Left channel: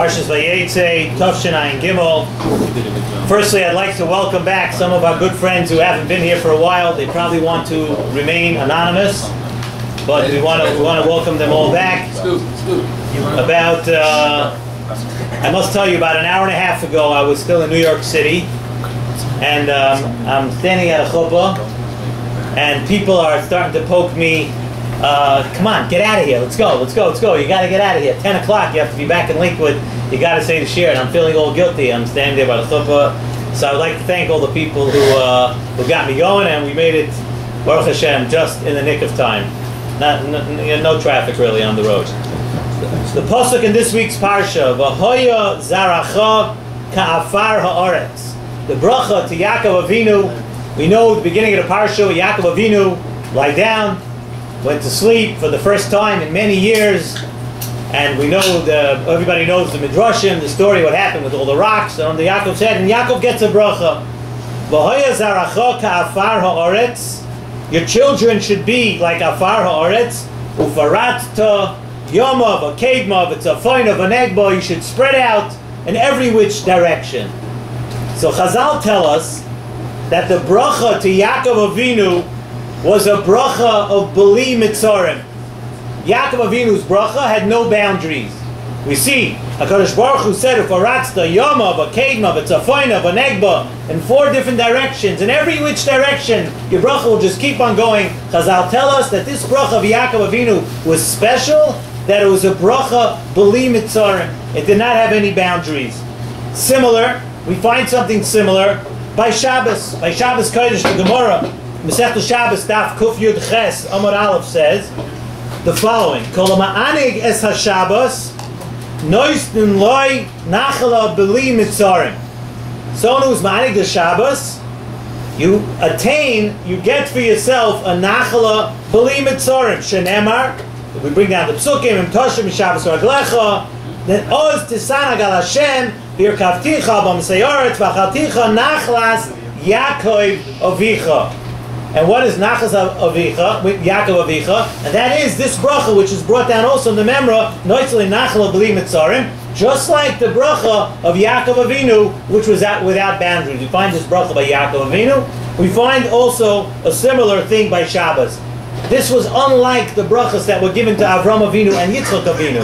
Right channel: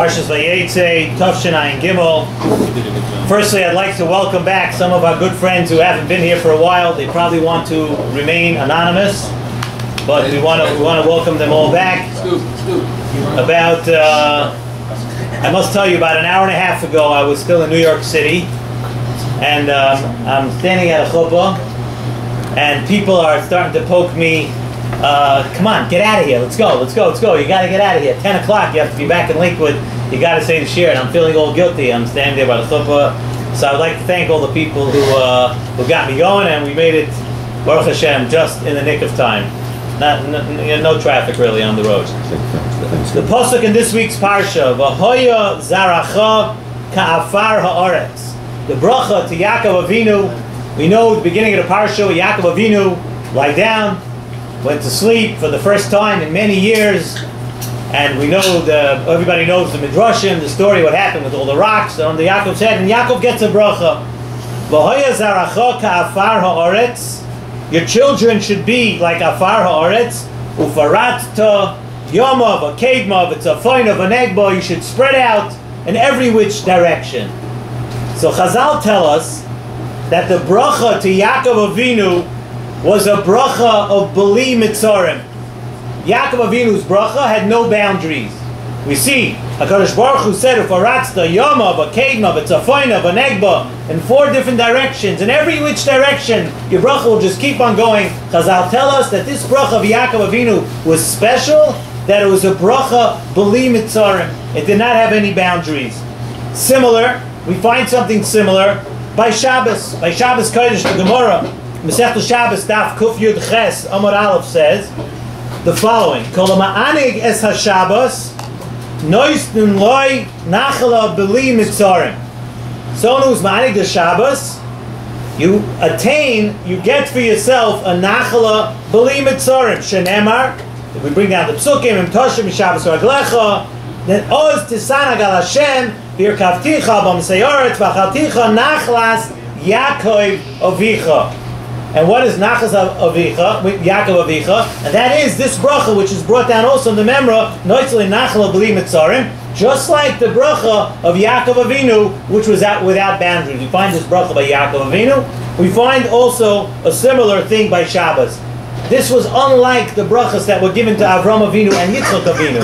Parshas Vayeitzei Nesivos. Firstly, I'd like to welcome back some of our good friends who haven't been here for a while. They probably want to remain anonymous, but we want to welcome them all back. I must tell you, about an hour and a half ago, I was still in New York City, and I'm standing at a chuppah, and people are starting to poke me. Come on, get out of here. Let's go. You got to get out of here. 10 o'clock, you have to be back in Lakewood. You got to say the shir. And I'm feeling all guilty. I'm standing there by the chuppah. So I'd like to thank all the people who got me going, and we made it, Baruch Hashem, just in the nick of time. No traffic really on the road. The pasuk in this week's parsha, V'hoya zaracha ka'afar ha'aretz. The bracha to Yaakov Avinu. We know at the beginning of the parsha, Yaakov Avinu lie down, went to sleep for the first time in many years, and we know everybody knows the midrashim, the story, what happened with all the rocks on the Yaakov's head, and Yaakov gets a bracha. V'hoya zaracha ka'afar ha'aretz. Your children should be like afar ha'aretz, ufaratta yomov, a kedmov, it's a fine of an egba. You should spread out in every which direction. So Chazal tell us that the bracha to Yaakov Avinu was a bracha of Beli Mitzarim. Yaakov Avinu's bracha had no boundaries. We see HaKadosh Baruch Hu said, "Ufaratsta Yomov, a Kedmav, it's a Foinav, a Negba," in 4 different directions. In every which direction, your bracha will just keep on going. Chazal tell us that this bracha of Yaakov Avinu was special, that it was a bracha Beli Mitzarim. It did not have any boundaries. Similar, we find something similar by Shabbos. By Shabbos Kodesh, the Gemara, Masechta Shabbos, Daf Kuf Yud Ches, Amar Aleph says the following: Kol ma'anig es haShabbos, noistin loy nachala beli mitzarim. Someone who's ma'anig the Shabbos, you attain, you get for yourself a nachala beli mitzarim. Shenemar, if we bring down the psukim, im toshim mishabbos raglecha, then oz tisana gal Hashem, v'yirkavticha b'mseyoret v'achalticha nachlas Yaakov Avicha. And what is Nachas Avicha, Yaakov Avicha? And that is this bracha, which is brought down also in the Memra, Noitzli Nachala B'li Mitzarim, just like the bracha of Yaakov Avinu, which was without boundaries. We find this bracha by Yaakov Avinu. We find also a similar thing by Shabbos. This was unlike the brachas that were given to Avram Avinu and Yitzchak Avinu.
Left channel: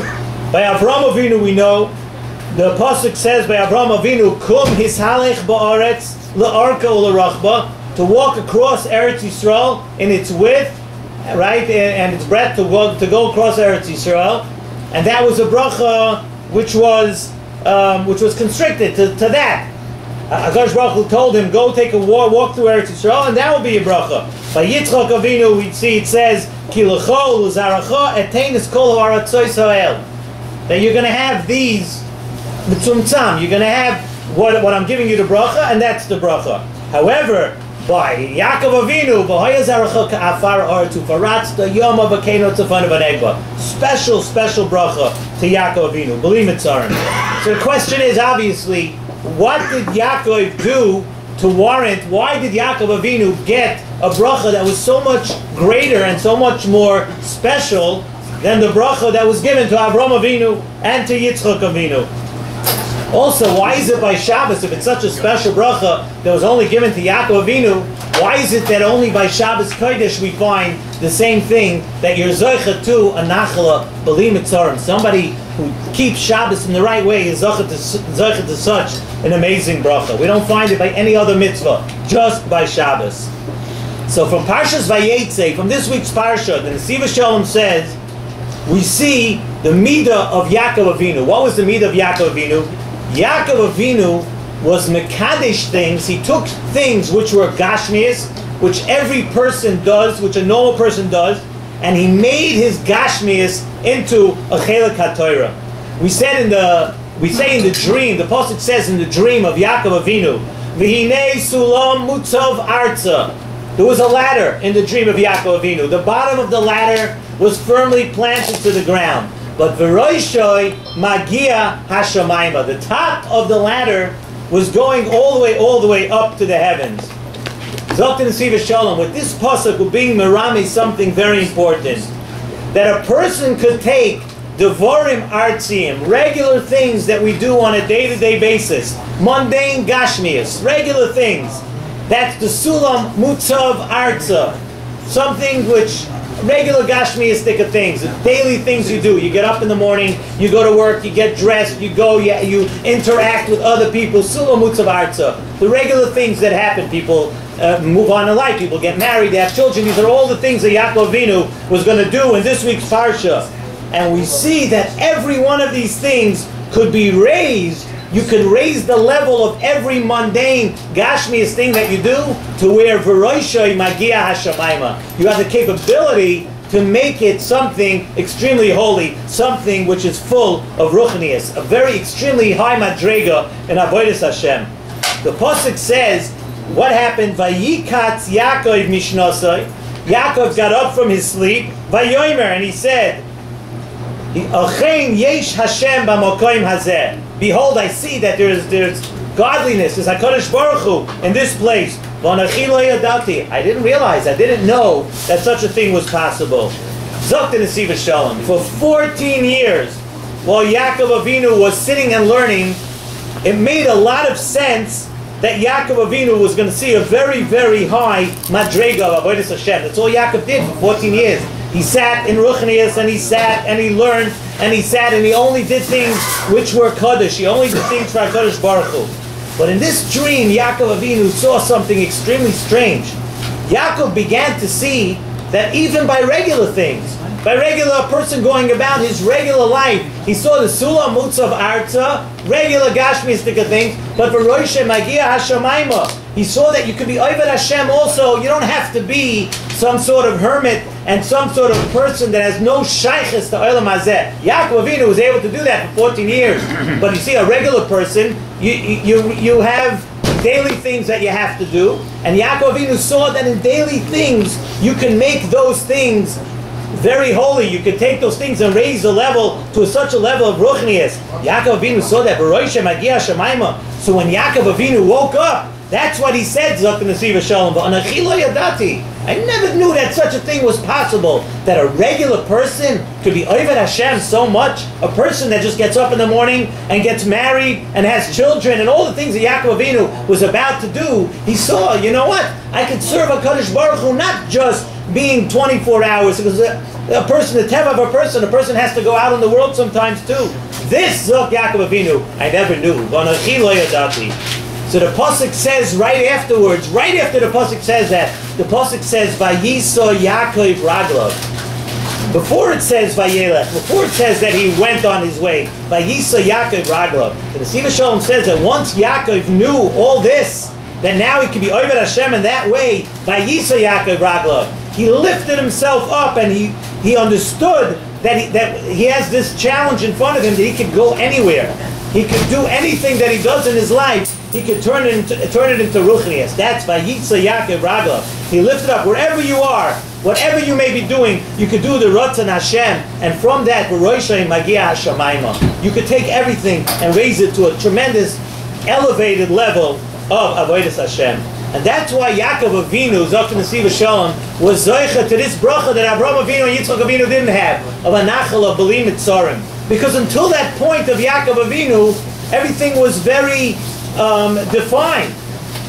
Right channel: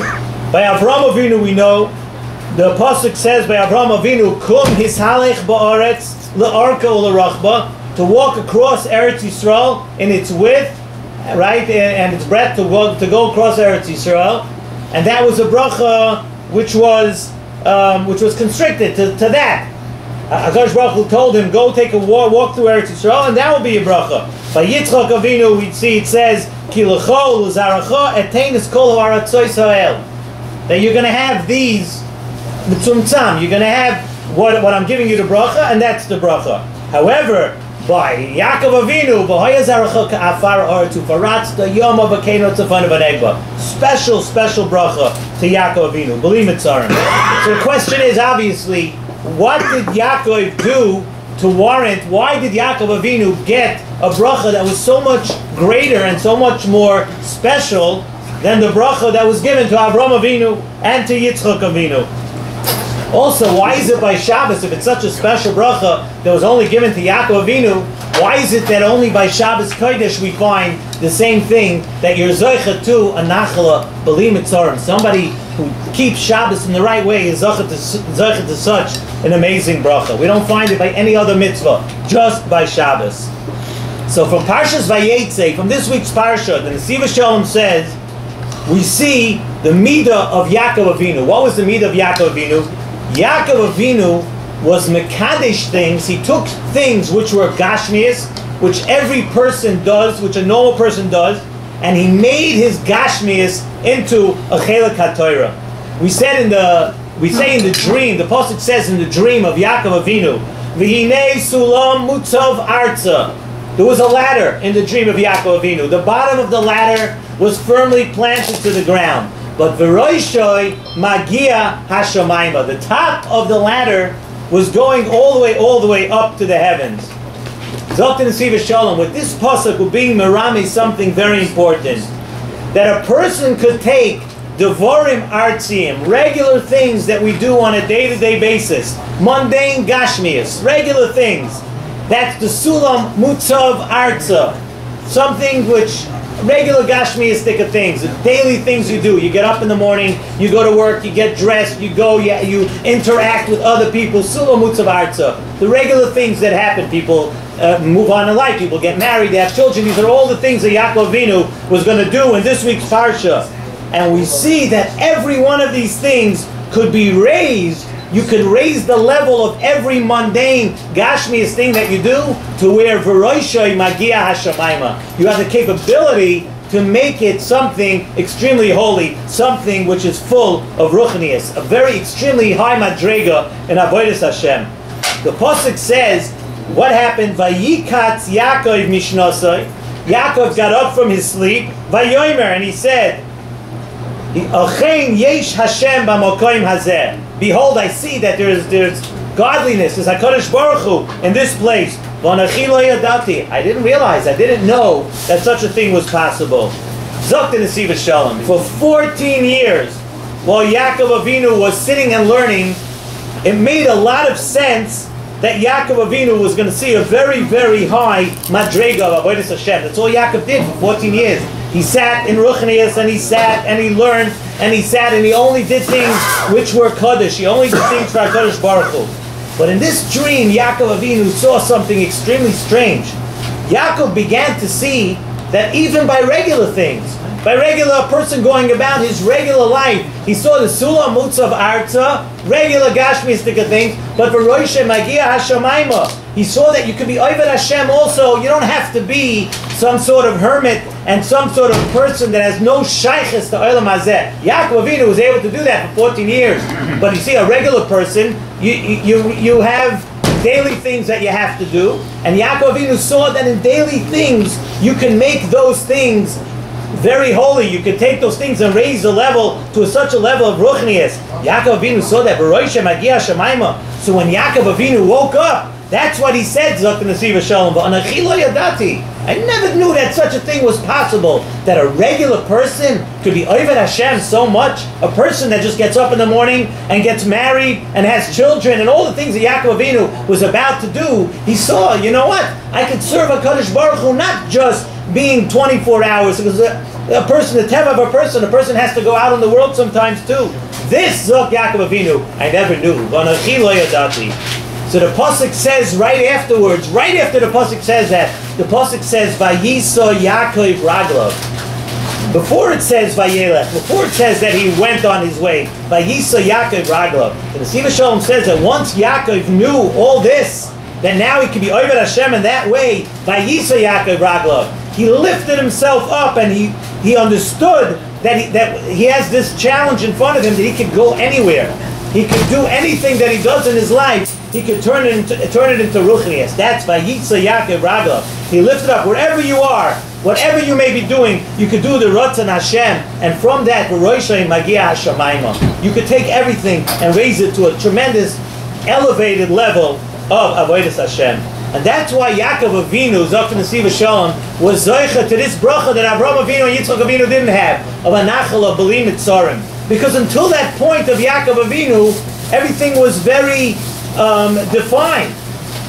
By Avram Avinu we know, the pasuk says by Avram Avinu, Kum hishalech ba'aretz le'arka u'lerachba, to walk across Eretz Yisrael in its width, right, and its breadth, to go across Eretz Yisrael, and that was a bracha which was constricted to that. HaKadosh Baruch Hu told him, go take a walk through Eretz Yisrael, and that will be a bracha. By Yitzchak Avinu, we see it says, Ki l'cho l'zaracha eteinis kol ha'aratzois ha'el, that you're going to have these mitzumtzam, you're going to have what I'm giving you the bracha, and that's the bracha. However, by Yaakov Avinu, special bracha to Yaakov Avinu. B'li Mitzarim. So the question is, obviously, what did Yaakov do to warrant? Why did Yaakov Avinu get a bracha that was so much greater and so much more special than the bracha that was given to Avram Avinu and to Yitzchak Avinu? Also, why is it by Shabbos, if it's such a special bracha that was only given to Yaakov Avinu, why is it that only by Shabbos Kodesh we find the same thing, that you're zoicha to a nachala b'li mitzarim? Somebody who keeps Shabbos in the right way is zoicha to such an amazing bracha. We don't find it by any other mitzvah, just by Shabbos. So from Parshas Vayeitzei, from this week's parsha, the Nesivos Shalom says, we see the midah of Yaakov Avinu. What was the midah of Yaakov Avinu? Yaakov Avinu was mekadesh things. He took things which were gashmias, which every person does, which a normal person does, and he made his gashmias into a chelek haTorah. We say in the dream, the pasuk says in the dream of Yaakov Avinu, V'hinei sulam mutzav arza. There was a ladder in the dream of Yaakov Avinu. The bottom of the ladder was firmly planted to the ground. But v'roishoy magia hashamayma. The top of the ladder was going all the way up to the heavens. Zok Nesivos Shalom, with this pasuk, we're being merami something very important. That a person could take Devorim Artzim, regular things that we do on a day-to-day basis. Mundane Gashmias, regular things. That's the Sulam Mutzav Arza. Something which, regular Gashmiastic of things, daily things you do. You get up in the morning, you go to work, you get dressed, you go, you interact with other people. Sulam Mutzav Arza. The regular things that happen. People move on in life, people get married, they have children. These are all the things that Yaakov Avinu was going to do in this week's Parsha. And we see that every one of these things could be raised. You could raise the level of every mundane Gashmias thing that you do to where V'roishoi Magia Hashamayma. You have the capability to make it something extremely holy, something which is full of Ruchnias, a very extremely high Madrega in Avodas Hashem. The Pasuk says, what happened? Vayikatz Yaakov Mishnosoi. Yaakov got up from his sleep, Vayomer, and he said, Yesh Hashem b'mokoim hazeh. Behold, I see that there's godliness, there's HaKadosh Baruch Hu in this place. V'anachi lo yadati. I didn't realize, I didn't know that such a thing was possible. Vayeitzei Nesivos Shalom. For 14 years, while Yaakov Avinu was sitting and learning, it made a lot of sense that Yaakov Avinu was going to see a very, very high madrega of Avodas Hashem. That's all Yaakov did for 14 years. He sat in Ruchnias, and he sat, and he learned, and he sat, and he only did things which were Kaddish. He only did things for HaKadosh Baruch Hu. But in this dream, Yaakov Avinu saw something extremely strange. Yaakov began to see that even by regular things, by regular person going about his regular life, he saw the Sulam Mutzav Arza, regular Gashmistic things, but for Rosh Magia Hashamayma, he saw that you could be Oved Hashem also. You don't have to be some sort of hermit and some sort of person that has no shaykhs to Olam Hazeh. Yaakov Avinu was able to do that for 14 years. But you see, a regular person, you have daily things that you have to do, and Yaakov Avinu saw that in daily things, you can make those things very holy. You can take those things and raise the level to such a level of Ruchnias. Yaakov Avinu saw that. So when Yaakov Avinu woke up, that's what he said, Vayeitzei Nesivos Shalom. V'anachi lo yadati. I never knew that such a thing was possible, that a regular person could be Oved Hashem so much. A person that just gets up in the morning and gets married and has children and all the things that Yaakov Avinu was about to do, he saw, you know what? I could serve HaKadosh Baruch Hu not just being 24 hours, because a person, the teva of a person has to go out in the world sometimes too. This, Zok Yaakov Avinu, I never knew. V'anachi lo yadati. So the Pasuk says right afterwards, right after the Pasuk says that, the Pasuk says, Vayiso Yaakov Raglav. Before it says Vayelech, before it says that he went on his way, Vayiso Yaakov Raglav. The Nesivos Shalom says that once Yaakov knew all this, that now he could be Oved Hashem in that way, Vayiso Yaakov Raglav. He lifted himself up, and he understood that he has this challenge in front of him, that he could go anywhere. He could do anything that he does in his life. He could turn it into Ruchnias. That's Vayeitzei Yaakov Raglav. He lifted up wherever you are, whatever you may be doing, you could do the Ratzon Hashem, and from that, V'roishei Magia Hashamayma. You could take everything and raise it to a tremendous, elevated level of Avodas Hashem. And that's why Yaakov Avinu, Vayeitzei Nesivos Shalom, was Zoicha to this bracha that Avraham Avinu and Yitzchak Avinu didn't have, of a nachal of B'li Mitzarim. Because until that point of Yaakov Avinu, everything was very defined.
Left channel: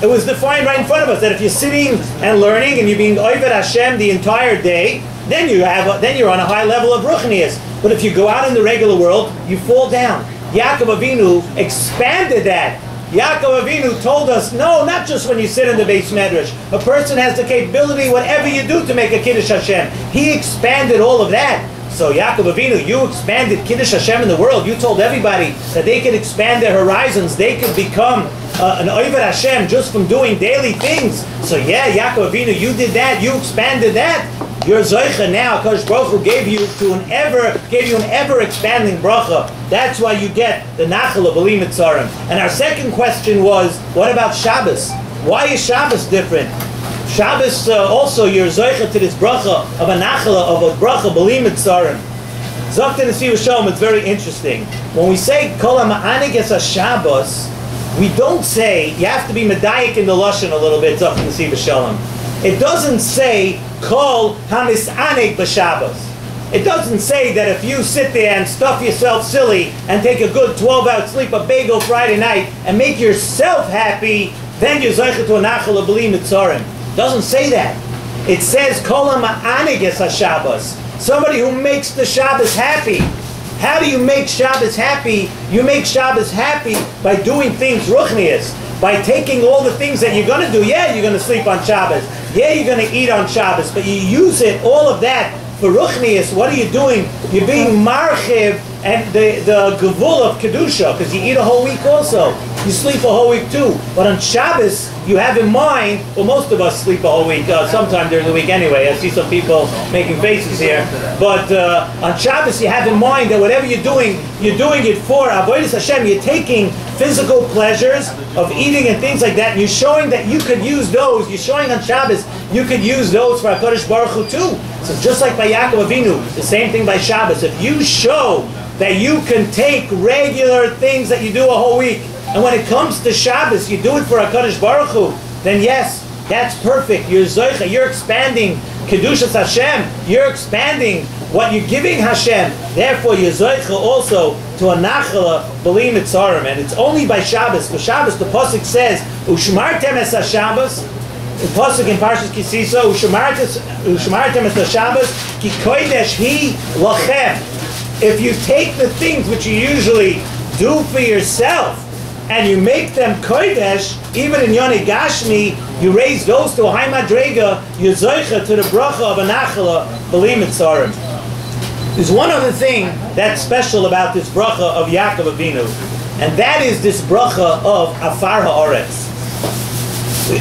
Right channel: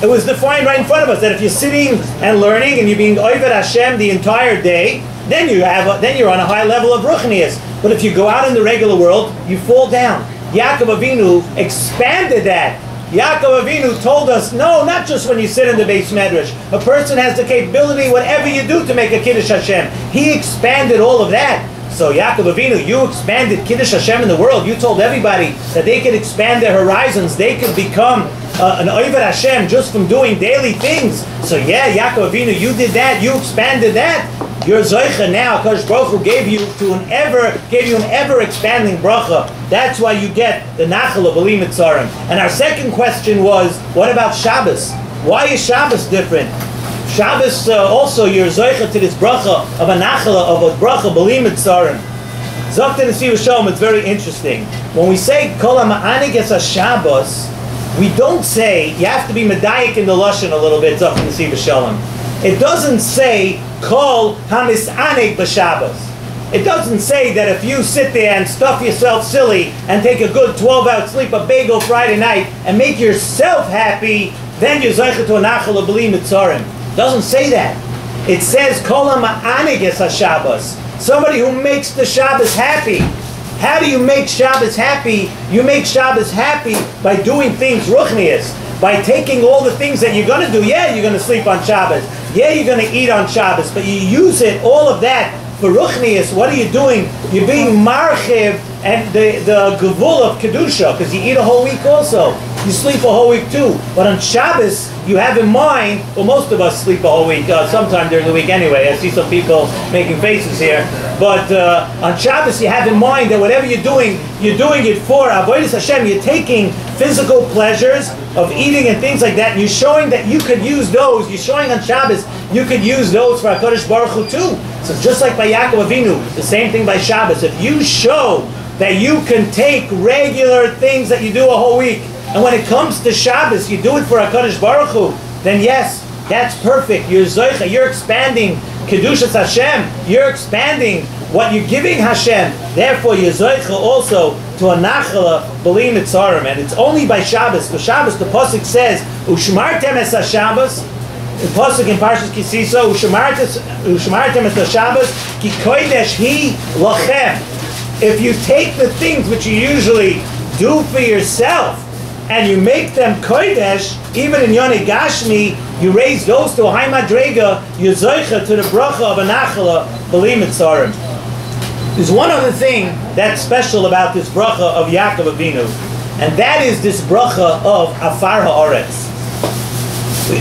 It was defined right in front of us, that if you're sitting and learning and you're being Oved Hashem the entire day, then you're on a high level of Ruchnias. But if you go out in the regular world, you fall down. Yaakov Avinu expanded that. Yaakov Avinu told us, no, not just when you sit in the Beis Medrash. A person has the capability, whatever you do, to make a Kiddush Hashem. He expanded all of that. So Yaakov Avinu, you expanded Kiddush Hashem in the world. You told everybody that they could expand their horizons. They could become an Oved Hashem just from doing daily things. So yeah, Yaakov Avinu, you did that. You expanded that. Your Zoicha now, Kadosh Baruch Hu gave you an ever expanding bracha. That's why you get the Nachal of B'li Mitzarim. And our second question was, what about Shabbos? Why is Shabbos different? Shabbos also, you're Zoicha to this bracha of a Nachal of a bracha B'li Mitzarim. Vayeitzei Nesivos Shalom, it's very interesting. When we say Kol HaMa'anig Es HaShabbos, we don't say, you have to be medayik in the Lashon a little bit, Vayeitzei Nesivos Shalom. It doesn't say Kol HaMis'anig B'Shabbos. It doesn't say that if you sit there and stuff yourself silly and take a good 12-hour sleep, a bagel Friday night, and make yourself happy, then you're Zeicha to a Nachal B'li Mitzorim. It doesn't say that. It says Kol HaMa'aniges HaShabbos. Somebody who makes the Shabbos happy. How do you make Shabbos happy? You make Shabbos happy by doing things ruchnius, by taking all the things that you're going to do. Yeah, you're going to sleep on Shabbos. Yeah, you're going to eat on Shabbos, but you use it, all of that, for ruchnius. What are you doing? You're being marchiv and the gevul of kedusha, because you eat a whole week also. You sleep a whole week too. But on Shabbos, you have in mind, well, most of us sleep a whole week, sometime during the week anyway. I see some people making faces here. But on Shabbos, you have in mind that whatever you're doing it for Avodas Hashem. You're taking physical pleasures of eating and things like that, and you're showing that you could use those. You're showing on Shabbos, you could use those for HaKadosh Baruch Hu too. So just like by Yaakov Avinu, the same thing by Shabbos. If you show that you can take regular things that you do a whole week, and when it comes to Shabbos, you do it for HaKadosh Baruch Hu, then yes, that's perfect. You're Zoicha, you're expanding Kedushas Hashem, you're expanding what you're giving Hashem. Therefore, you're Zoicha also to a Nachala B'li Mitzarim. And it's only by Shabbos. The Shabbos, the Pasuk says, Ushmartem es HaShabbos, the Pasuk in Parshas Kisisa, Ushmartem es HaShabbos, Ki kodesh hi lachem. If you take the things which you usually do for yourself, and you make them kodesh, even in Yonei Gashmi, you raise those to a high madrega, you zoicha to the bracha of a nachala b'li mitzarim. There's one other thing that's special about this bracha of Yaakov Avinu, and that is this bracha of afar haaretz.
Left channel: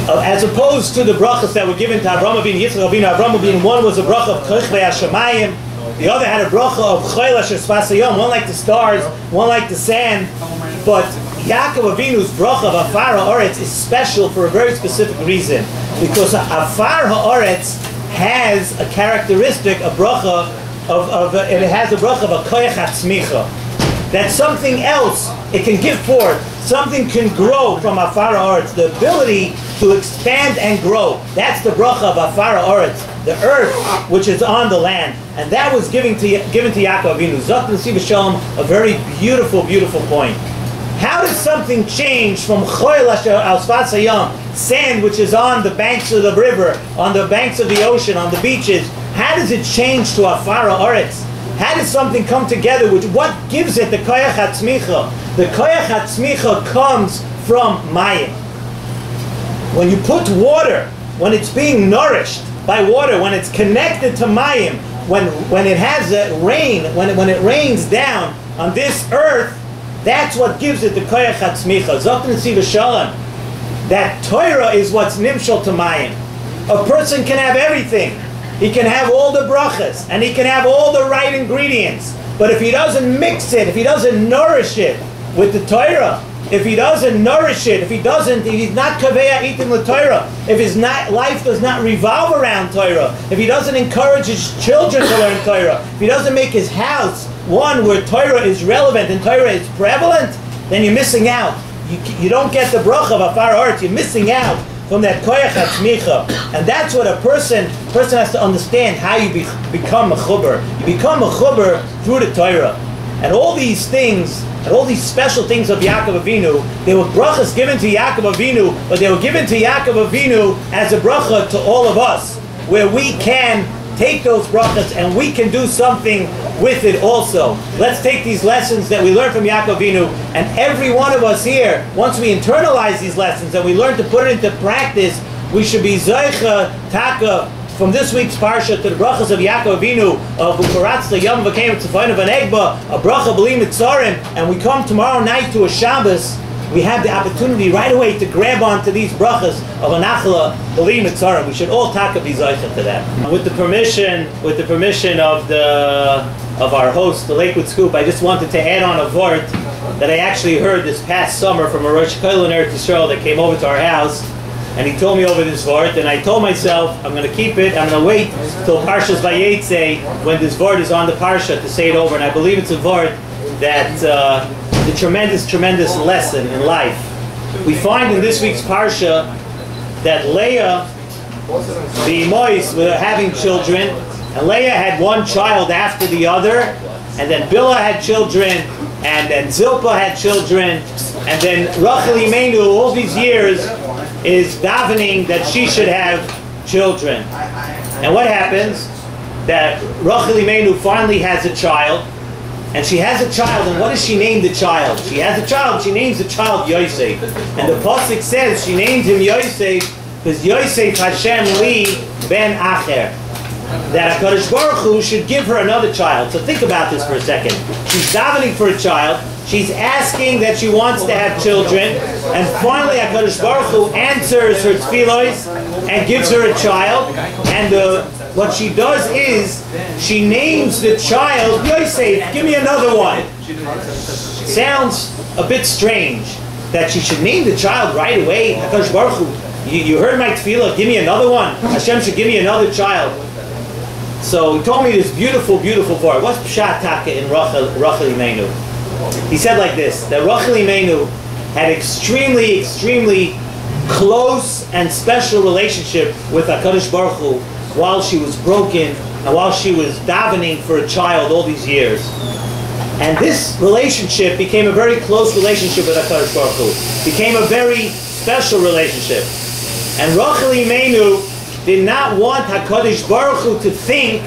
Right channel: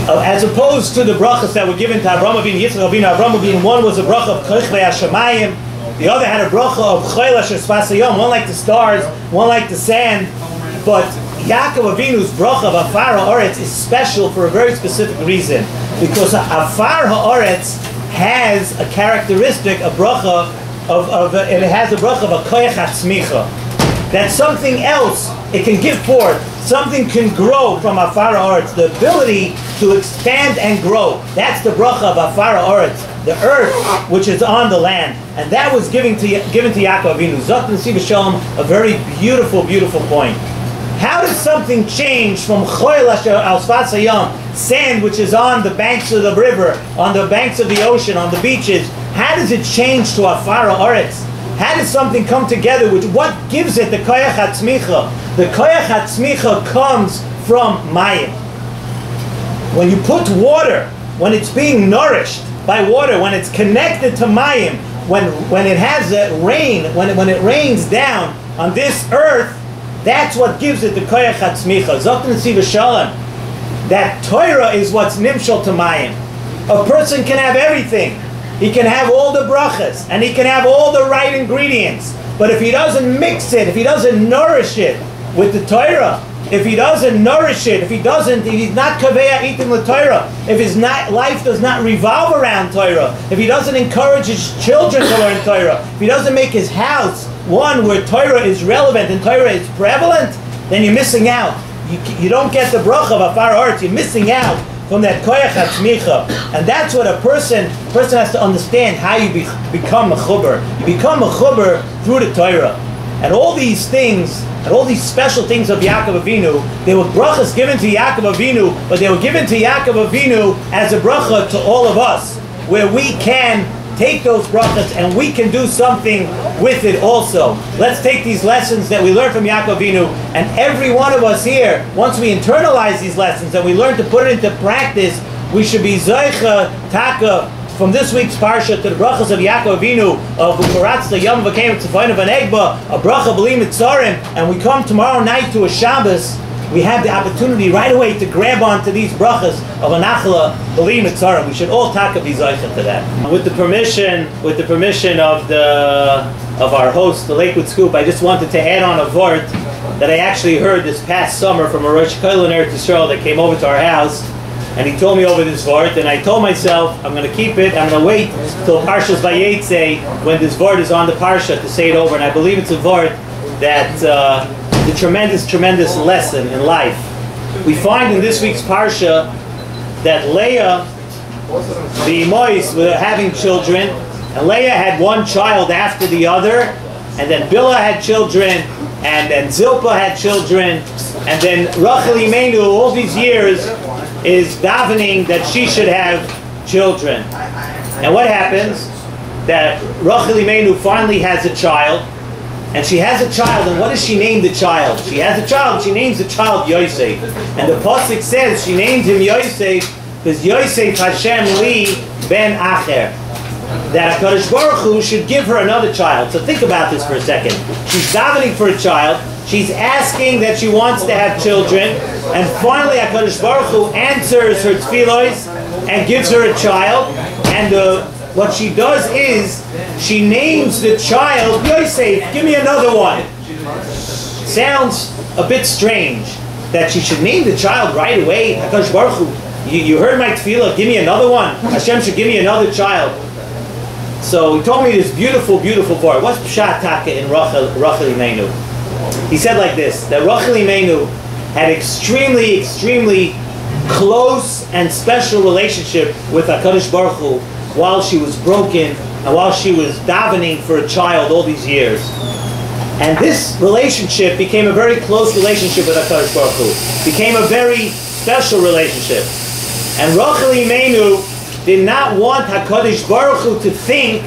As opposed to the brachas that were given to Avraham Avinu, Yitzchak Avinu, Avraham Avinu, one was a bracha of koich ve'ashamayim, the other had a bracha of choyla shesfasayom, one like the stars, one like the sand, but Yaakov Avinu's bracha of afar haaretz is special for a very specific reason, because afar haaretz has a characteristic, a bracha it has a bracha of a koyach hatzmicha. That something else it can give forth, something can grow from afar haaretz, the ability to expand and grow. That's the bracha of afar haaretz, the earth which is on the land, and that was given to Yaakov Avinu. Vayeitzei Nesivos Shalom, a very beautiful, beautiful point. How does something change from choil al sfas hayam, sand which is on the banks of the river, on the banks of the ocean, on the beaches? How does it change to afar haaretz? How does something come together? What gives it the koyach hatzmicha? The koyach hatzmicha comes from mayim. When you put water, when it's being nourished by water, when it's connected to mayim, when it has rain, when it rains down on this earth, that's what gives it the koyach hatzmicha. Vayeitzei Nesivos Shalom. That Torah is what's nimshal to mayim. A person can have everything. He can have all the brachas, and he can have all the right ingredients. But if he doesn't mix it, if he doesn't nourish it with the Torah, if he doesn't nourish it, if he's not kaveya eating the Torah, if his life does not revolve around Torah, if he doesn't encourage his children to learn Torah, if he doesn't make his house one where Torah is relevant and Torah is prevalent, then you're missing out. You don't get the bracha of afar haaretz. You're missing out from that koyach hatzmicha. And that's what a person has to understand, how you become a chuber. You become a chuber through the Torah. And all these things, and all these special things of Yaakov Avinu, they were brachas given to Yaakov Avinu, but they were given to Yaakov Avinu as a bracha to all of us, where we can take those brachas and we can do something with it also. Let's take these lessons that we learned from Yaakov Avinu, and every one of us here, once we internalize these lessons and we learn to put it into practice, we should be Zoicha Taka from this week's Parsha to the brachas of Yaakov Avinu, of Ukaratzta Yom Vakem Tzafayna Vanegba, a bracha B'li Mitzarim, and we come tomorrow night to a Shabbos, we have the opportunity right away to grab onto these brachas of a nachala B'li Mitzarim. We should all taka be zoicha to that. With the permission of our host, the Lakewood Scoop, I just wanted to add on a vort that I actually heard this past summer from a Rosh Koil in Eretz Yisrael that came over to our house, and he told me over this vort, and I told myself, I'm going to keep it, I'm going to wait till Parshas Vayeitzei, when this vort is on the Parsha, to say it over, and I believe it's a vort that the tremendous lesson in life. We find in this week's Parsha that Leah, the Mois, were having children, And Leah had one child after the other, and then Bilhah had children, and then Zilpah had children, and then Rachel Imenu, all these years, is davening that she should have children. And what happens? That Rachel Imenu finally has a child, and she has a child, and what does she name the child? She has a child, she names the child Yosef. And the Pasuk says she named him Yosef because Yosef Hashem Li Ben Acher. That HaKadosh Baruch Hu should give her another child. So think about this for a second. She's davening for a child, she's asking that she wants to have children, and finally HaKadosh Baruch Hu answers her tefillos and gives her a child, and what she does is, she names the child Yosef. Give me another one. Sounds a bit strange that she should name the child right away. HaKadosh Baruch Hu, you heard my tefillah, give me another one. Hashem should give me another child. So he told me this beautiful, beautiful part. What's Pshat Taka in Rachel Imenu? He said like this, that Rachel Imenu had extremely, extremely close and special relationship with HaKadosh Baruch Hu while she was broken and while she was davening for a child all these years. And this relationship became a very close relationship with HaKadosh Baruch Hu. Became a very special relationship. And Rachel Imenu did not want HaKadosh Baruch Hu to think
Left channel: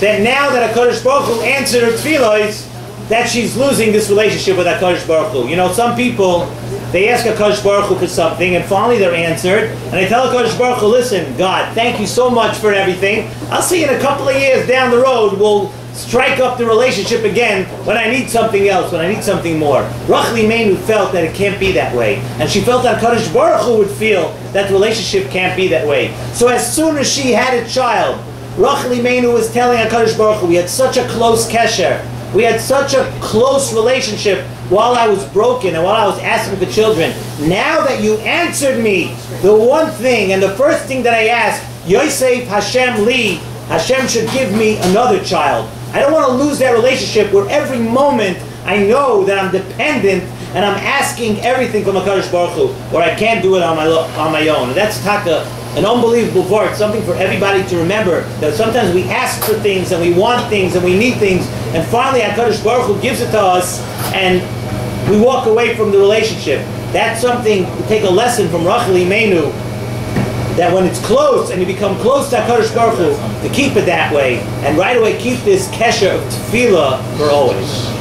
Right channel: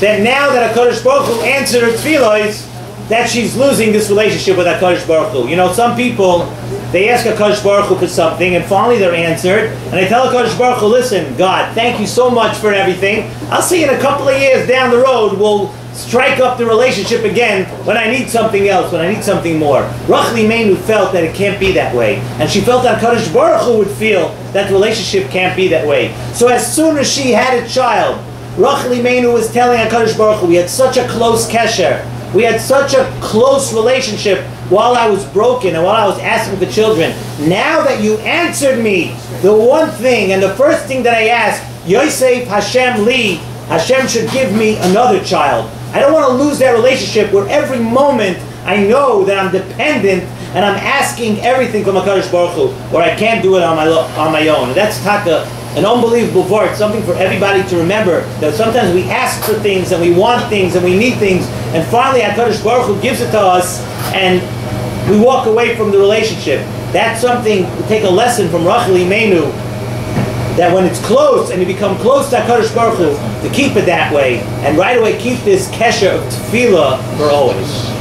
that now that HaKadosh Baruch Hu answered her tefillos, that she's losing this relationship with HaKadosh Baruch Hu. You know, some people, they ask HaKadosh Baruch Hu for something, and finally they're answered, and they tell HaKadosh Baruch Hu, listen, God, thank you so much for everything. I'll see you in a couple of years down the road, we'll strike up the relationship again when I need something else, when I need something more. Rachel Imenu felt that it can't be that way, and she felt that HaKadosh Baruch Hu would feel that the relationship can't be that way. So as soon as she had a child, Rachel Imenu was telling HaKadosh Baruch Hu, we had such a close kesher, we had such a close relationship while I was broken and while I was asking for children. Now that you answered me, the one thing and the first thing that I asked, Yosef Hashem Li, Hashem should give me another child. I don't want to lose that relationship where every moment I know that I'm dependent and I'm asking everything from HaKadosh Baruch Hu, where I can't do it on my own. And that's taka, an unbelievable word, something for everybody to remember, that sometimes we ask for things and we want things and we need things, and finally HaKadosh Baruch Hu gives it to us and we walk away from the relationship. That's something, to take a lesson from Rachel Imenu, that when it's close and you become close to HaKadosh Baruch Hu, to keep it that way, and right away keep this kesher of tefillah for always.